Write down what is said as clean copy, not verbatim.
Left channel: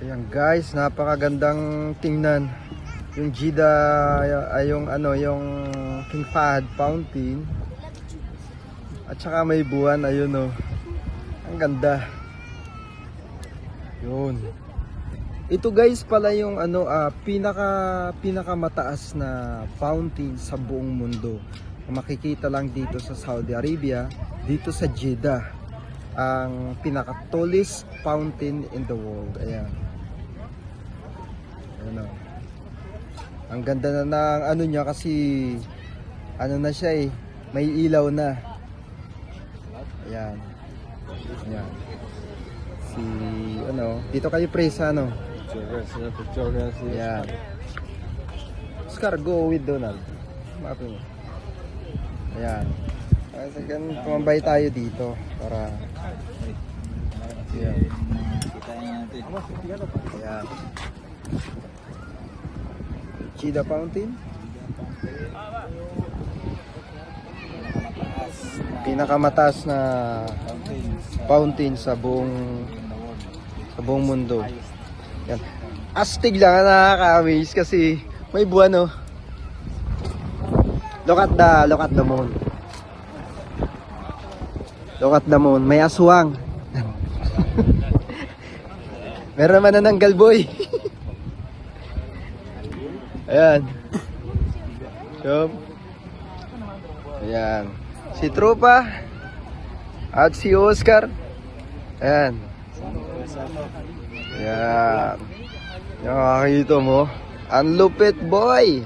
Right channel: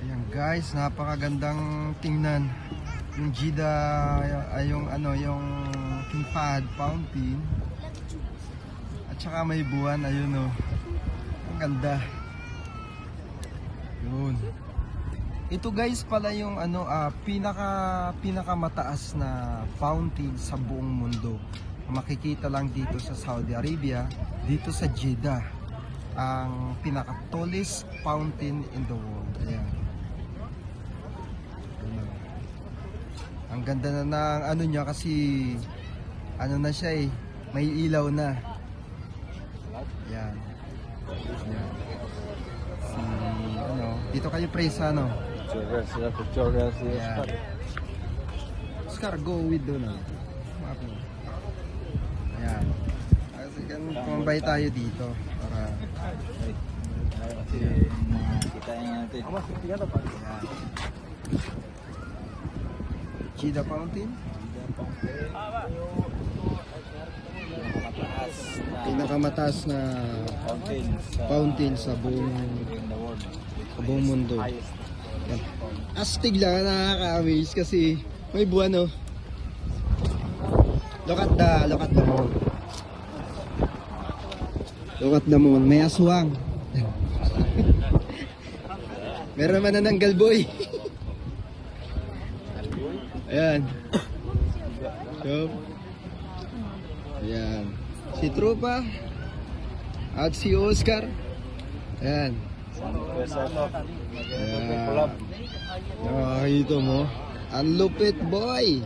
Ayan guys, napakagandang tingnan. Yung Jeddah ay yung King Fahd Fountain. At saka may buwan, ayun oh. Ang ganda. Yun. Ito guys pala yung pinaka mataas na fountain sa buong mundo. Makikita lang dito sa Saudi Arabia, dito sa Jeddah. Ang pinaka tallest fountain in the world. Ayan. Ano. Ang ganda na ng ano niya kasi ano na siya eh, may ilaw na. Ayan. Ayan. Si ano, dito kayo pre sa ano? Ayan. Oscar, go with Donald. Ayan. Ayan, kumambay tayo dito para kita natin. Ayan. Jeddah Fountain. Pinakamataas na fountain sa buong mundo. Yan. Astig lang, nakaka-amaze kasi may buwan oh. Look at the moon. Look at the moon. May aswang. Meron man na ng galboy. Ayan. So, ayan. Si Tropa at si Oscar. Ayan. Ayan. Nakakita mo. Ang lupit boy.